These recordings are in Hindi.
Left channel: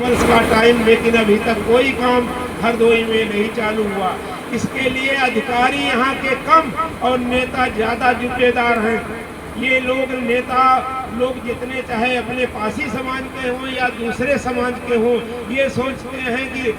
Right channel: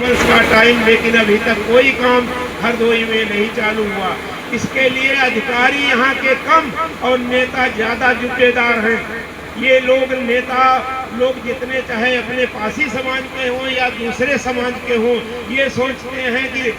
वर्ष का टाइम, लेकिन अभी तक कोई काम हरदोई में नहीं चालू हुआ। इसके लिए अधिकारी यहाँ के कम और नेता ज्यादा जुटेदार हैं। ये लोग नेता लोग जितने चाहे अपने पासी समाज के हों या दूसरे समाज के हों, ये सोचते हैं कि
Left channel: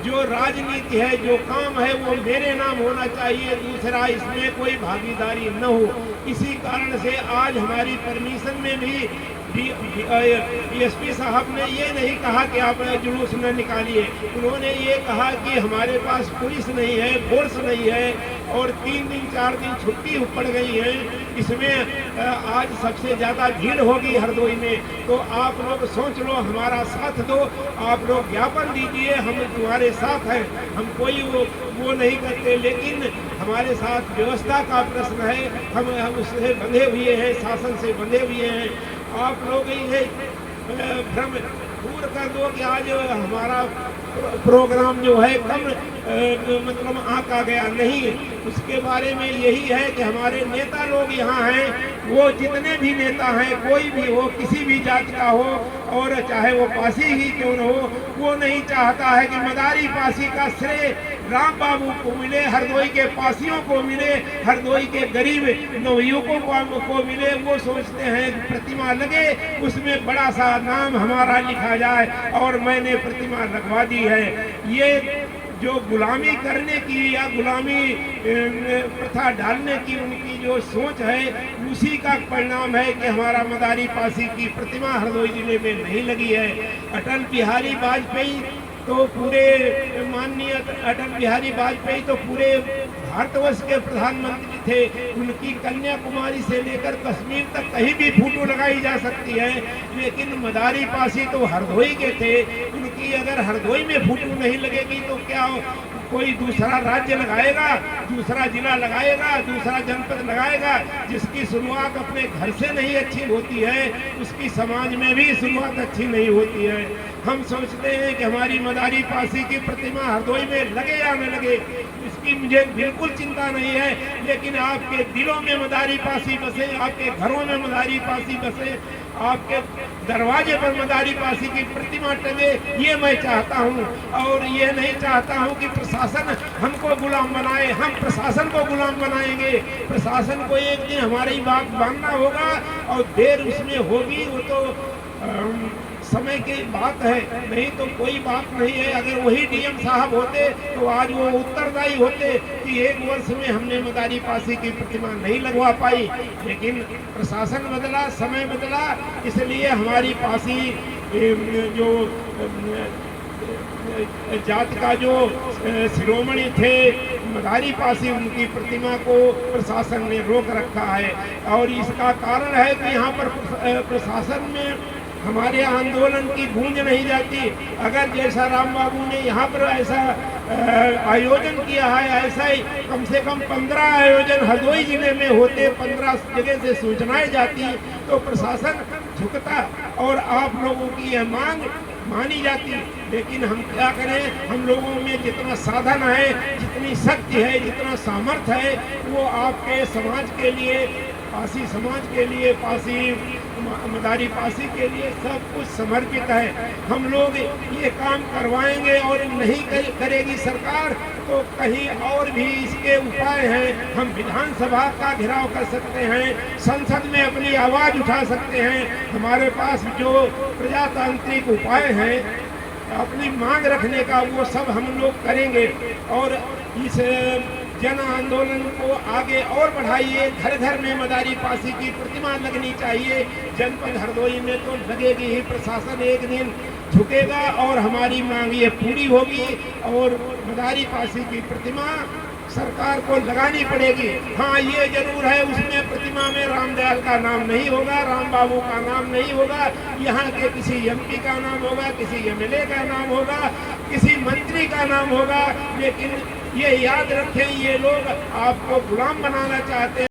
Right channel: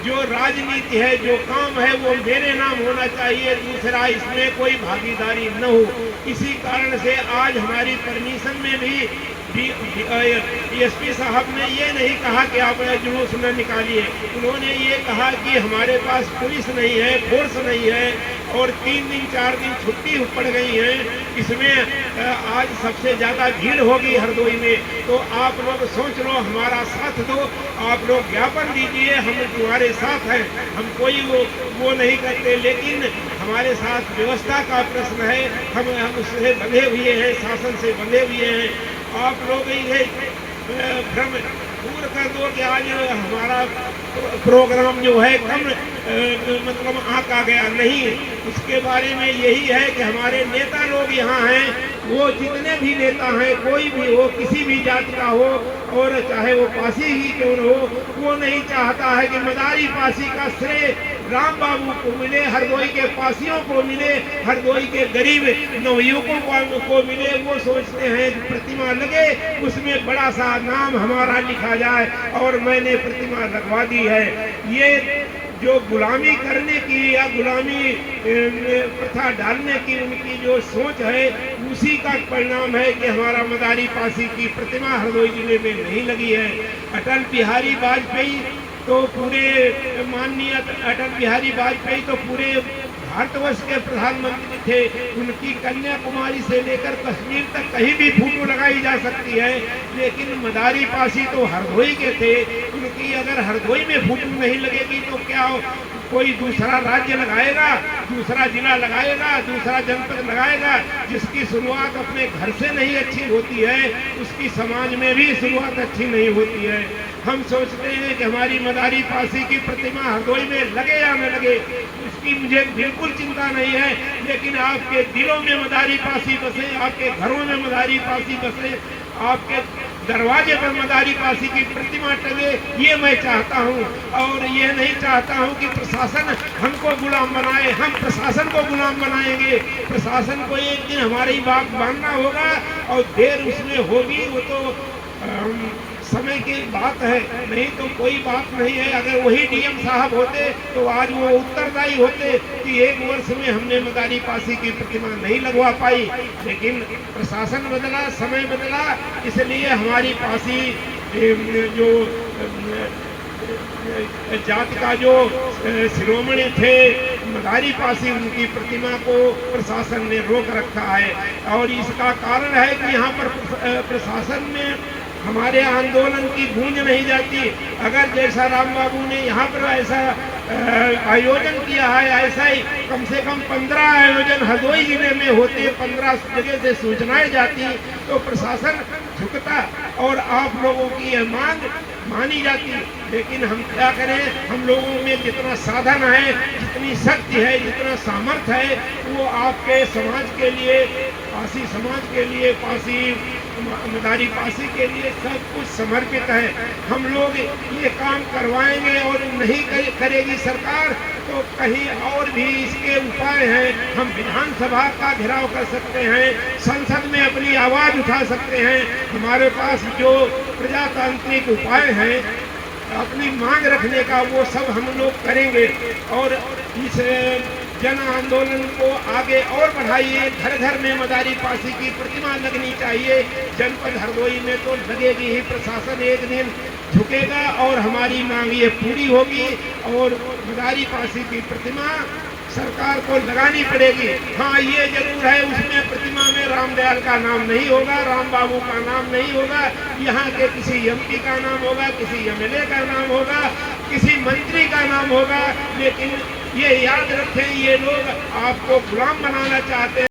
जो राजनीति है, जो काम है, वो मेरे नाम होना चाहिए, दूसरा इसमें कोई भागीदारी न हो। इसी कारण से आज हमारी परमिशन में भी डीएसपी साहब ने ये नहीं कहा कि आप जुलूस न निकालिए। उन्होंने ये कहा कि हमारे पास पुलिस नहीं है, फोर्स नहीं है और 3 दिन 4 दिन छुट्टी पड़ गई है। इसमें आज सबसे ज़्यादा भीड़ होगी हरदोई में, तो आप लोग सोच लो, हमारा साथ दो, आप लोग ज्ञापन दीजिए, हम तुम्हारे साथ हैं। हम कोई वो नहीं करते, लेकिन हमारे साथ व्यवस्था का प्रश्न है, हम उससे बंधे हुए हैं, शासन से बंधे हुए हैं। आप लोग ये भ्रम दूर कर दो कि आज हमारा प्रोग्राम जो है कम मतलब आंका गया नहीं। उसके बारे में यही है कि हमारे नेता लोग यहाँ हैं, वो जितने भी नेता हैं, कोई भी हो, किसी भी जाति का हो और चाहे वो पासी ही क्यों न हो, वो नहीं चाहता है कि मदारी पासी का श्रेय राम बाबू को मिले, हरदोई के पासियों को मिले, हरदोई के गरीब नवयुवकों को मिले। वो सोचते हैं कि प्रतिमा लगे, उसमें बड़ा सा नाम हमारा लिखा जाए, और मैंने प्रतिमा लगवा दी है। ये जो गुलामी करने की या गुलामी प्रथा डालने की उनकी जो सोच है, उसी का परिणाम है कि हमारा मदारी पासी की प्रतिमा हरदोई जिले में नहीं लगी है। अटल बिहारी वाजपेयी तो पूरे माननीय अटल बिहारी वाजपेयी तो पूरे भारतवर्ष के प्रधानमंत्री थे। उनकी कन्याकुमारी से लेकर कश्मीर तक कहीं भी फोटो लगाई जा सकती है, लेकिन मदारी पासी तो हरदोई के थे। उनकी अगर हरदोई में फोटो नहीं लगेगी तो क्या कोई दूसरा राज्य लगाएगा, दूसरा जिला लगाएगा, दूसरा जनपद लगाएगा? जिसकी शुरुआत अपने घर से नहीं अच्छी होती है, उसकी समाज में भी शुरुआत अच्छी नहीं होती है। हम सोचते हैं कि हमारी मदारी पासी की प्रतिमा हरदोई में लगे या न लगे, इसकी मुझे बिल्कुल चिंता नहीं है, लेकिन आपके दिलों में मदारी पासी बसे, आपके घरों में मदारी पासी बसे, आपके दरवाजे पर मदारी पासी की प्रतिमा टंगे, ये मैं चाहता हूँ। और ये नहीं चाहता हूँ कि प्रशासन हमको गुलाम बनाए। हम प्रशासन को गुलाम बनाएंगे, प्रशासन को एक दिन हमारी बात मानना होगा, और देर उसमें होगी वो तो समय की बात है, नहीं तो कोई बात नहीं है। अगर वही डीएम साहब होते तो आज वो उत्तरदायी होते कि 1 वर्ष में हमने मदारी पासी की प्रतिमा नहीं लगवा पाई, लेकिन प्रशासन बदला, समय बदला, इसलिए हमारी पासी जो जाति का जो शिरोमणि थे मदारी पासी, उनकी प्रतिमा को प्रशासन ने रोक रखा है। और इसका कारण है कि यहाँ पर प्रशासन में हमारे आंदोलन की गूंज नहीं जाती। अगर जैसा राम बाबू ने यहाँ पर ऐसा आयोजन किया है, ऐसा ही कम से कम 15 आयोजन हरदोई जिले में होते, 15 जगह से सूचनाएं जाती, तो प्रशासन झुकता और आप लोगों की यह मांग मानी जाती। लेकिन हम क्या करें, हम लोगों में जितना साधन है, जितनी शक्ति है, जितना सामर्थ्य है, वो आपके समाज के लिए, पासी समाज के लिए, पासी मदारी पासी के लिए सब कुछ समर्पित है। हम लोग ये काम करवाएंगे, और नहीं करेगी सरकार तो कहीं और भी इसके उपाय हैं। हम विधानसभा का घेराव कर सकते हैं, संसद में अपनी आवाज़ उठा सकते हैं। हमारे पास जो प्रजातांत्रिक उपाय हैं अपनी मांग रखने का, वो सब हम लोग करेंगे। और इस जन आंदोलन को आगे और बढ़ाइए। घर घर में मदारी पासी की प्रतिमा लगनी चाहिए। जनपद हरदोई में तो लगेगी ही, प्रशासन एक दिन झुकेगा और हमारी मांग ये पूरी होगी, और मदारी पासी की प्रतिमा सरकार को लगानी पड़ेगी। हाँ, ये जरूर है, उसमें प्रतिमा में रामदयाल का नाम नहीं होगा, राम बाबू का नाम नहीं होगा, यहाँ के किसी एमपी का नाम होगा, किसी एमएलए का नाम होगा, किसी मंत्री का नाम होगा। लेकिन ये याद रखें, ये लोग आपको गुलाम बनाना चाहते हैं।